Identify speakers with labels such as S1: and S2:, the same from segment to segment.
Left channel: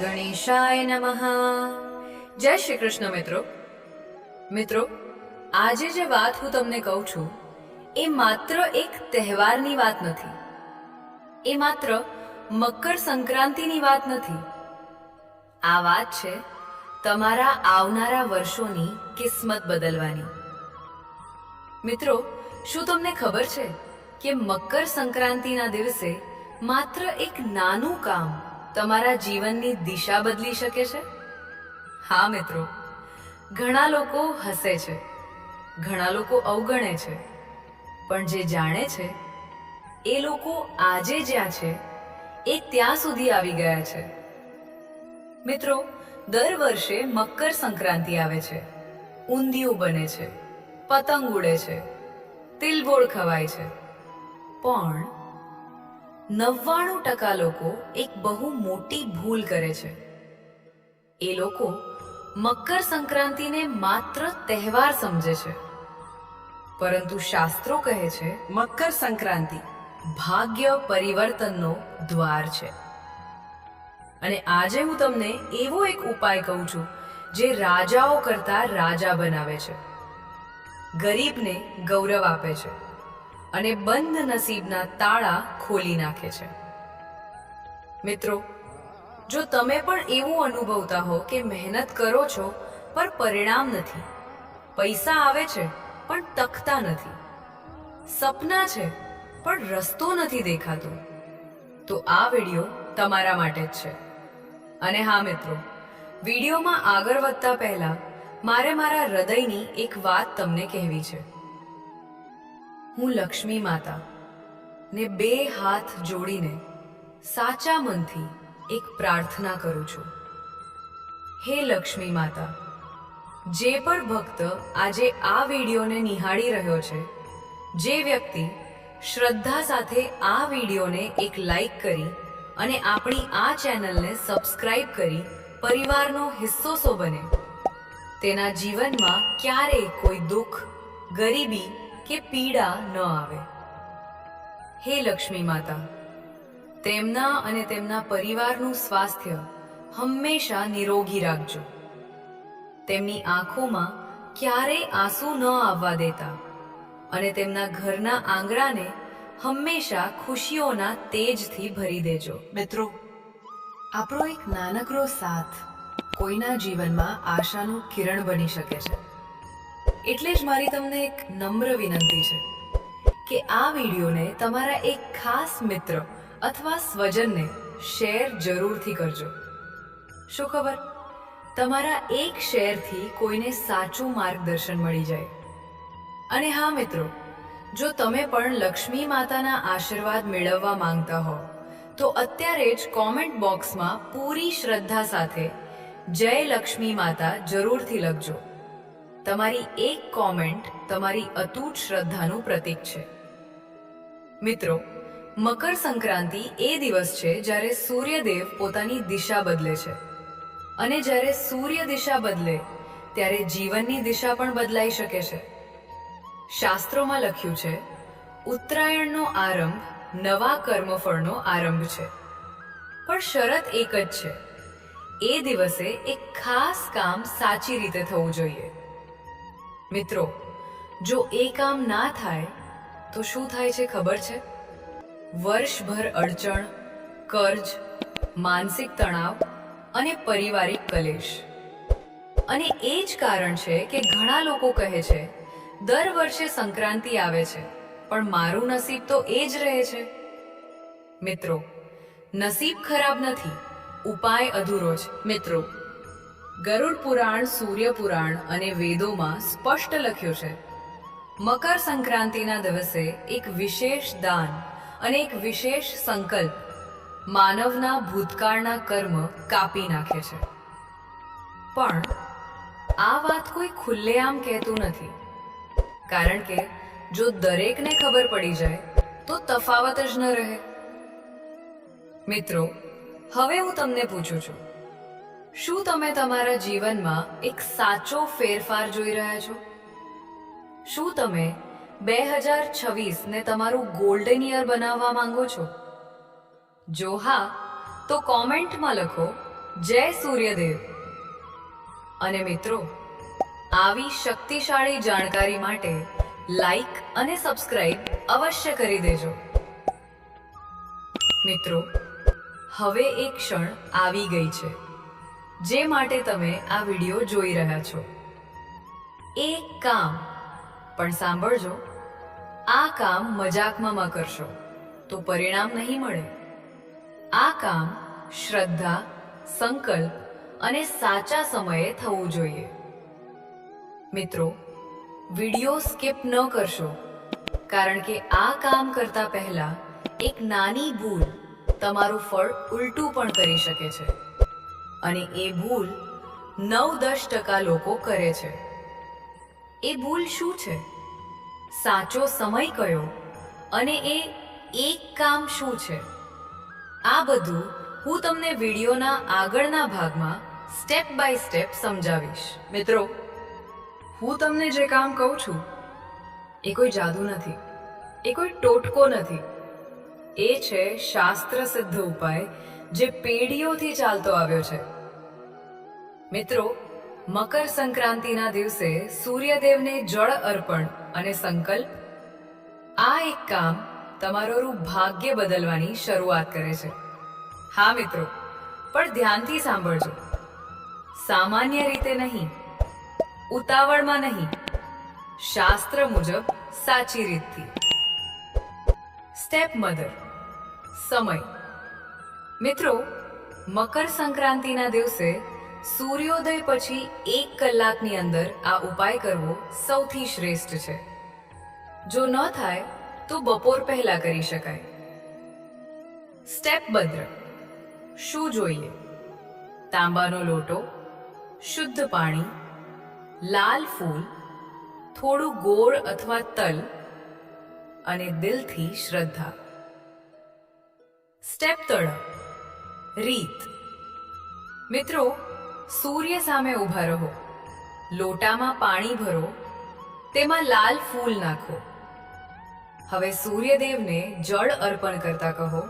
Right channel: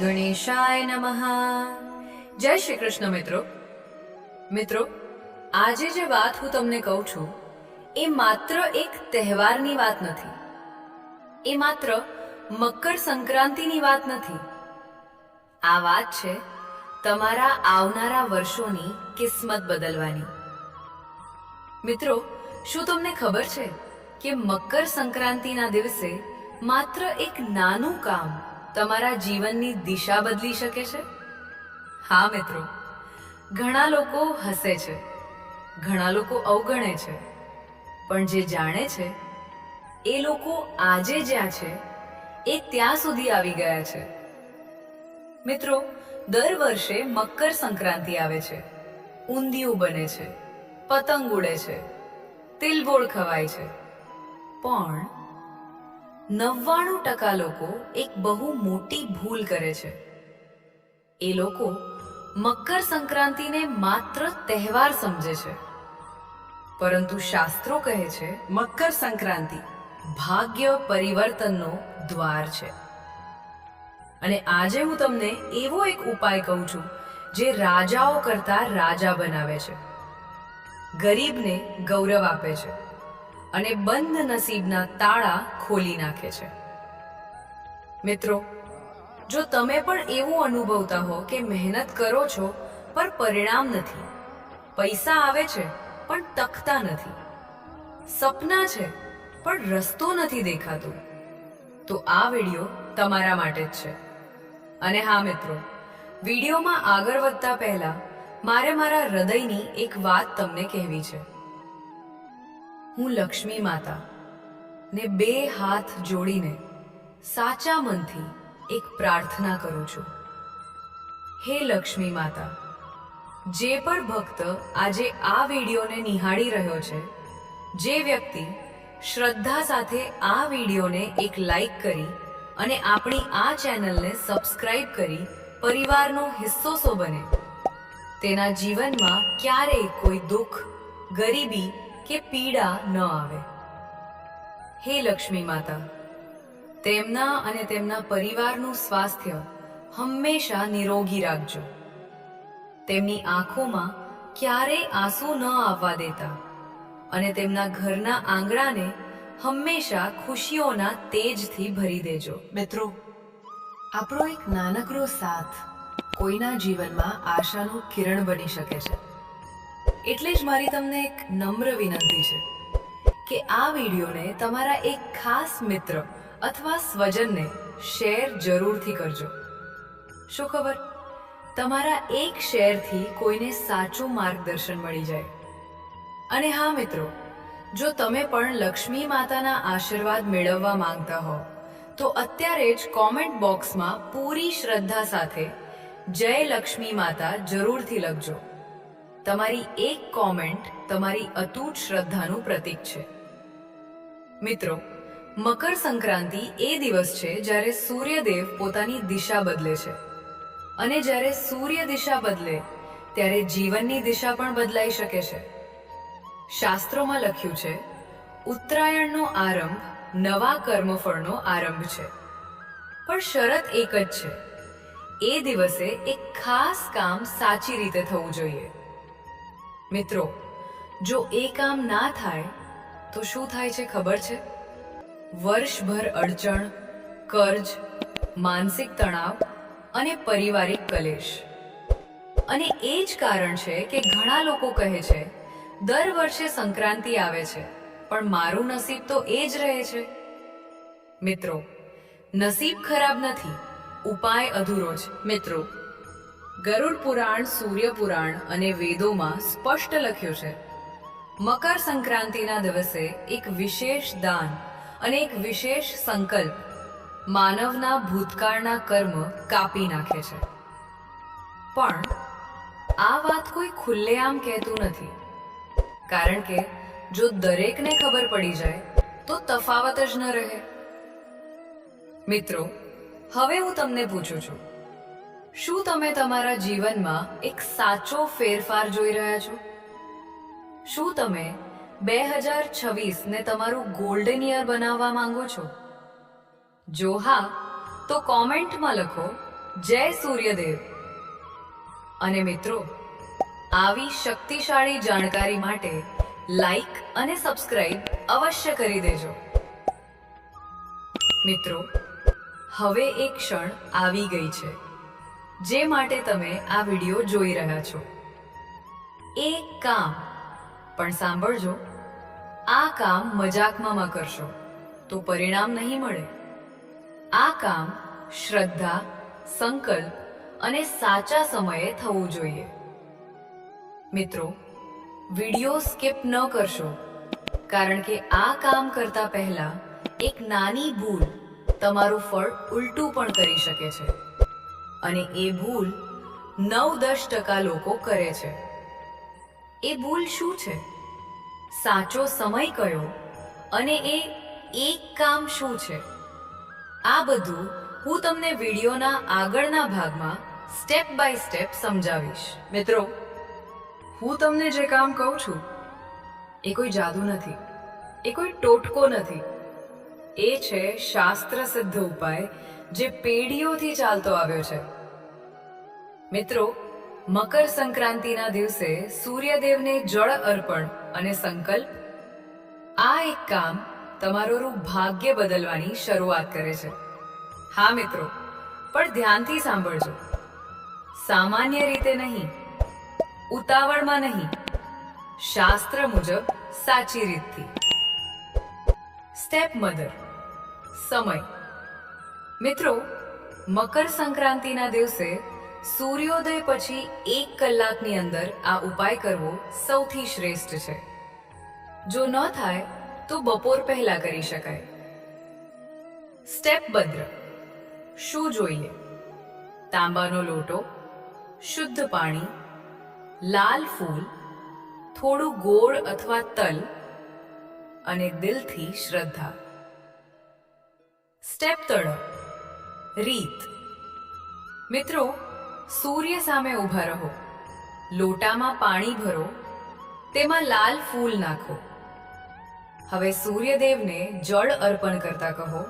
S1: ગણેશાય નમઃ જય શ્રી કૃષ્ણ મિત્રો મિત્રો આજે જે વાત હું તમને કહું છું, એ માત્ર એક તહેવારની વાત નથી. એ માત્ર મકર સંક્રાંતિની વાત નથી. આ વાત છે તમારા આવનારા વર્ષોની કિસ્મત બદલવાની. મિત્રો, શું તમને ખબર છે કે મકર સંક્રાંતિના દિવસે માત્ર એક નાનું કામ તમારા જીવનની દિશા બદલી શકે છે? હા, મિત્રો. ઘણા લોકો હસે છે. ઘણા લોકો અવગણે છે. પણ જે જાણે છે, એ લોકો આજે જ્યાં છે, એ ત્યાં સુધી આવી ગયા છે. મિત્રો, દર વર્ષે મકર સંક્રાંતિ આવે છે. ઊંધિયું બને છે. પતંગ ઉડે છે. તિલબોળ ખવાય છે. પણ નવ્વાણું ટકા લોકો એક બહુ મોટી ભૂલ કરે છે. એ લોકો મકર સંક્રાંતિને માત્ર તહેવાર સમજે છે. પરંતુ શાસ્ત્રો કહે છે,
S2: મકર સંક્રાંતિ
S1: ભાગ્ય પરિવર્તનનો દ્વાર છે. અને આજે હું તમને એવો એક ઉપાય કહું છું, જે રાજાઓ કરતા રાજા બનાવે છે. ગરીબને ગૌરવ આપે છે. અને બંધ નસીબના તાળા ખોલી નાખે છે. મિત્રો, જો તમે પણ એવું અનુભવતા હો કે મહેનત કરો છો પણ પરિણામ નથી. પૈસા આવે છે, પણ તકતા નથી. સપના છે, પણ રસ્તો નથી દેખાતો. તો આ વીડિયો તમારા માટે જ છે. અને હા, મિત્રો, વિડીયોમાં આગળ વધતા પહેલા મારે મારા હૃદયની એક વાત તમને કહેવી છે. હું લક્ષ્મી માતા ને બે હાથ જોડીને સાચા મનથી એક પ્રાર્થના કરું છું. હે લક્ષ્મી માતા, જે પણ ભક્ત આજે આ વિડીયોને નિહાળી રહ્યો છે, જે વ્યક્તિ શ્રદ્ધા સાથે આ વિડીયોને એક લાઈક કરી અને આપણી આ ચેનલને સબસ્ક્રાઈબ કરી પરિવારનો હિસ્સો સો બને, તેના જીવનમાં ક્યારેય કોઈ દુઃખ, ગરીબી કે પીડા ન આવે. હે લક્ષ્મી માતા, તેમના અને તેમના પરિવારનું સ્વાસ્થ્ય હંમેશા નિરોગી રાખજો. તેમની આંખોમાં ક્યારેય આંસુ ન આવવા દેતા અને તેમના ઘરના આંગણાને હંમેશા ખુશીઓના તેજથી ભરી દેજો.
S2: મિત્રો, આપણો એક નાનકડો સાથ કોઈના જીવનમાં આશાનું કિરણ બની શકે છે.
S1: એટલે જ મારી તમને એક નમ્ર વિનંતી છે કે આ વિડીયોને તમારા એક ખાસ મિત્ર અથવા સ્વજનને શેર જરૂરથી કરજો. શું ખબર? તમારા એક શેરથી કોઈને સાચું માર્ગદર્શન મળી જાય. અને હા મિત્રો, જો તમે પણ લક્ષ્મી માતાના આશીર્વાદ મેળવવા માંગતા હો, તો અત્યારે જ કોમેન્ટ બોક્સમાં પૂરી શ્રદ્ધા સાથે જય લક્ષ્મી માતા જરૂરથી લખજો. તમારી એક કોમેન્ટ તમારી અતૂટ શ્રદ્ધાનું પ્રતીક છે. મિત્રો, મકર સંક્રાંતિ એ દિવસ છે જ્યારે સૂર્યદેવ પોતાની દિશા બદલે છે. અને જ્યારે સૂર્ય દિશા બદલે, ત્યારે જીવનની દિશા પણ બદલાઈ શકે છે. શાસ્ત્રોમાં લખ્યું છે, ઉત્તરાયણનો આરંભ નવા કર્મફળનો આરંભ છે. પણ શરત એક જ છે. એ દિવસે એક ખાસ કામ સાચી રીતે થવું જોઈએ. મિત્રો, જો એ કામ ના થાય, તો શું થાય છે ખબર છે? વર્ષભર અડચણ, કર્જ, માનસિક તણાવ અને પારિવારિક કલેશ. અને એ જ કારણ છે કે ઘણા લોકો કહે છે, દર વર્ષે સંક્રાંતિ આવે છે, પણ મારું નસીબ તો એ જ રહે છે. મિત્રો, નસીબ ખરાબ નથી, ઉપાય અધૂરો છે. મિત્રો ગરુડ પુરાણ, સૂર્ય પુરાણ અને વેદોમાં સ્પષ્ટ લખ્યું છે. મકર સંક્રાંતિના દિવસે એક વિશેષ દાન અને એક વિશેષ સંકલ્પ માનવના ભૂતકાળના કર્મ કાપી નાખે છે. પણ આ વાત કોઈ ખુલ્લેઆમ કહેતું નથી. કારણ કે જો દરેકને ખબર પડી જાય, તો તફાવત જ ન રહે. મિત્રો, હવે હું તમને પૂછું છું. શું તમે તમારા જીવનમાં એક સાચો ફેરફાર જોઈ રહ્યા છો? શું તમે બે હજાર છવ્વીસને તમારું ગોલ્ડન યર બનાવવા માંગો છો? જો હા, તો કોમેન્ટમાં લખો, જય સૂર્યદેવ. અને મિત્રો, આવી શક્તિશાળી જાણકારી માટે લાઈક અને સબસ્ક્રાઇબ અવશ્ય કરી દેજો. મિત્રો, હવે એક ક્ષણ આવી ગઈ છે. જે માટે તમે આ વીડિયો જોઈ રહ્યા છો. એ કામ. પણ સાંભળજો, આ કામ મજાકમાં કરશો, તો પરિણામ નહીં મળે. આ કામ શ્રદ્ધા, સંકલ્પ અને સાચા સમયે થવું જોઈએ. મિત્રો, વિડિયો સ્કીપ ન કરશો, કારણ કે આ કામ કરતા પહેલા એક નાની ભૂલ તમારું ફળ ઉલટું પણ કરી શકે છે. અને એ ભૂલ નવ દસ ટકા લોકો કરે છે. એ ભૂલ શું છે? સાચો સમય કયો અને એ એક કામ શું છે? આ બધું હું તમને વિડીયોના આગળના ભાગમાં સ્ટેપ બાય સ્ટેપ સમજાવીશ. મિત્રો, હું તમને જે કામ કહું છું, એ કોઈ જાદુ નથી, એ કોઈ ટોટકો નથી. એ છે શાસ્ત્ર સિદ્ધ ઉપાય જે પેઢીઓથી ચાલતો આવ્યો છે. મિત્રો, મકર સંક્રાંતિના દિવસે સૂર્યદેવને જળ અર્પણ અને સંકલ્પ, આ એક કામ તમારું ભાગ્ય બદલવાની શરૂઆત કરે છે. હા મિત્રો, પણ ધ્યાનથી સાંભળજો. સામાન્ય રીતે નહીં, ઉતાવળમાં નહીં, શાસ્ત્ર મુજબ સાચી રીતથી. સ્ટેપ મધર સમય. મિત્રો, મકર સંક્રાંતિના દિવસે સૂર્યોદય પછી એક કલાકની અંદર આ ઉપાય કરવો સૌથી શ્રેષ્ઠ છે. જો ન થાય, તો બપોર પહેલા કરી શકાય. સ્ટેપ ભદ્ર. શું જોઈએ? તાંબાનો લોટો, શુદ્ધ પાણી, લાલ ફૂલ, થોડું ગોળ અથવા તલ અને દિલથી શ્રદ્ધા. સ્ટેપ તળ. રીત. મિત્રો સૂર્ય સામે ઊભા રહો. લોટામાં પાણી ભરો. તેમાં લાલ ફૂલ નાખો. હવે સૂર્યદેવને જળ અર્પણ કરતા કહો,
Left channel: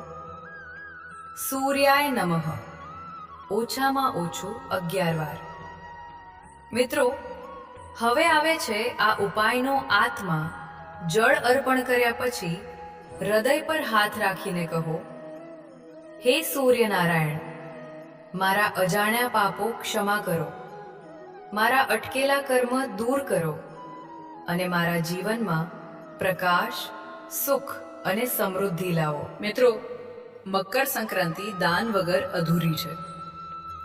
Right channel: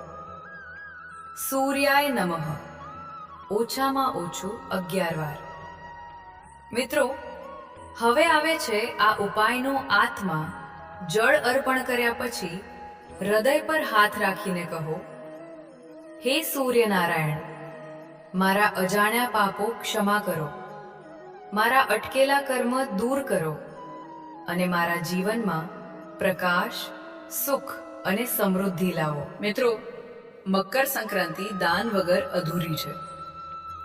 S1: સૂર્યાય નમઃ. ઓછામાં ઓછું અગિયાર વાર. મિત્રો, હવે આવે છે આ ઉપાયનો આત્મા જળ અર્પણ કર્યા પછી હૃદય પર હાથ રાખીને કહો, હે સૂર્યનારાયણ મારા અજાણ્યા પાપો ક્ષમા કરો. મારા અટકેલા કર્મ દૂર કરો અને મારા જીવનમાં પ્રકાશ, સુખ અને સમૃદ્ધિ લાવો. મિત્રો, મકર સંક્રાંતિ દાન વગર અધૂરી છે.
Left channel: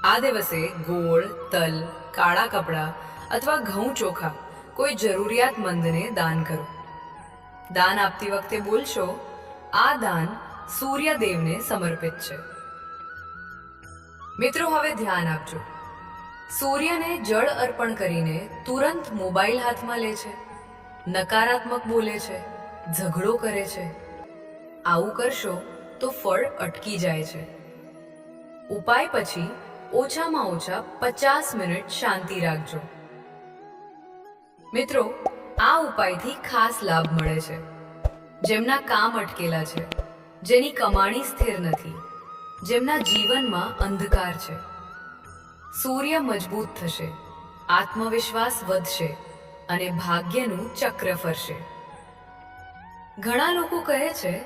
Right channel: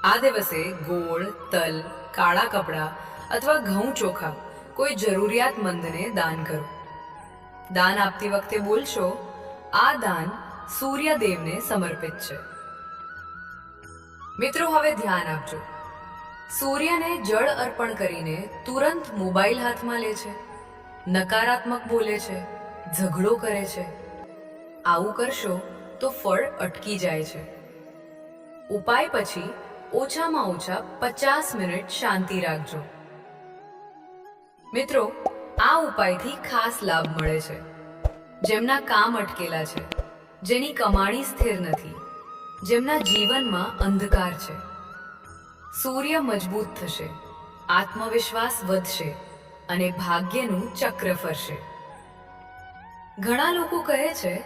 S1: આ દિવસે ગોળ, તલ, કાળા કપડાં અથવા ઘઉં ચોખા કોઈ જરૂરિયાતમંદને દાન કરો. દાન આપતી વખતે બોલશો, આ દાન સૂર્યદેવને સમર્પિત છે. મિત્રો, હવે ધ્યાન આપજો. સૂર્યને જળ અર્પણ કરીને તુરંત મોબાઈલ હાથમાં લે છે, નકારાત્મક બોલે છે, ઝઘડો કરે છે. આવું કરશો તો ફળ અટકી જાય છે. ઉપાય પછી ઓછામાં ઓછા પચાસ મિનિટ શાંતિ રાખજો. મિત્રો, આ ઉપાયથી ખાસ લાભ મળે છે. જેમના કામ અટકેલા છે, જેની કમાણી સ્થિર નથી. જેમના જીવનમાં અંધકાર છે. સૂર્ય મજબૂત થશે, આત્મવિશ્વાસ વધશે અને ભાગ્યનું ચક્ર ફરશે. ઘણા લોકો કહે છે,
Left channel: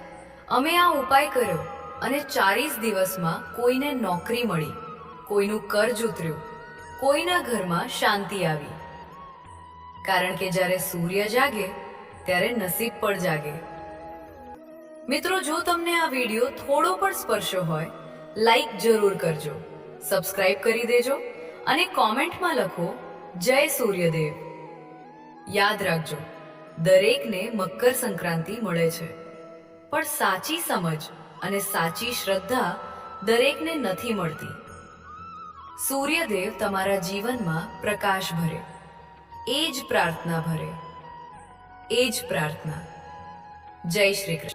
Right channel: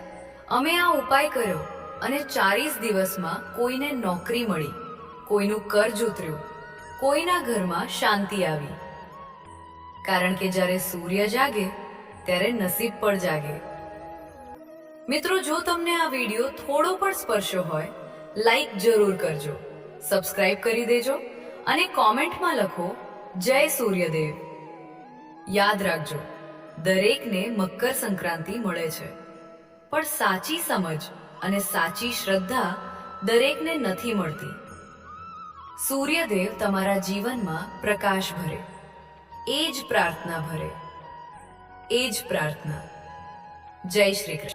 S1: અમે આ ઉપાય કર્યો અને ચાલીસ દિવસમાં કોઈને નોકરી મળી, કોઈનું કર્જ ઉતર્યું, કોઈના ઘરમાં શાંતિ આવી. કારણ કે જ્યારે સૂર્ય જાગે, ત્યારે નસીબ પણ જાગે. મિત્રો, જો તમને આ વીડિયો થોડો પણ સ્પર્શ્યો હોય લાઈક જરૂર કરજો, સબસ્ક્રાઇબ કરી દેજો અને કોમેન્ટમાં લખો, જય સૂર્યદેવ. યાદ રાખજો, દરેકને મકર સંક્રાંતિ મળે છે. પણ સાચી સમજ અને સાચી શ્રદ્ધા દરેકને નથી મળતી. સૂર્યદેવ તમારા જીવનમાં પ્રકાશ ભરે, એ જ પ્રાર્થના ભરે, એ જ પ્રાર્થના. જય શ્રી કૃષ્ણ.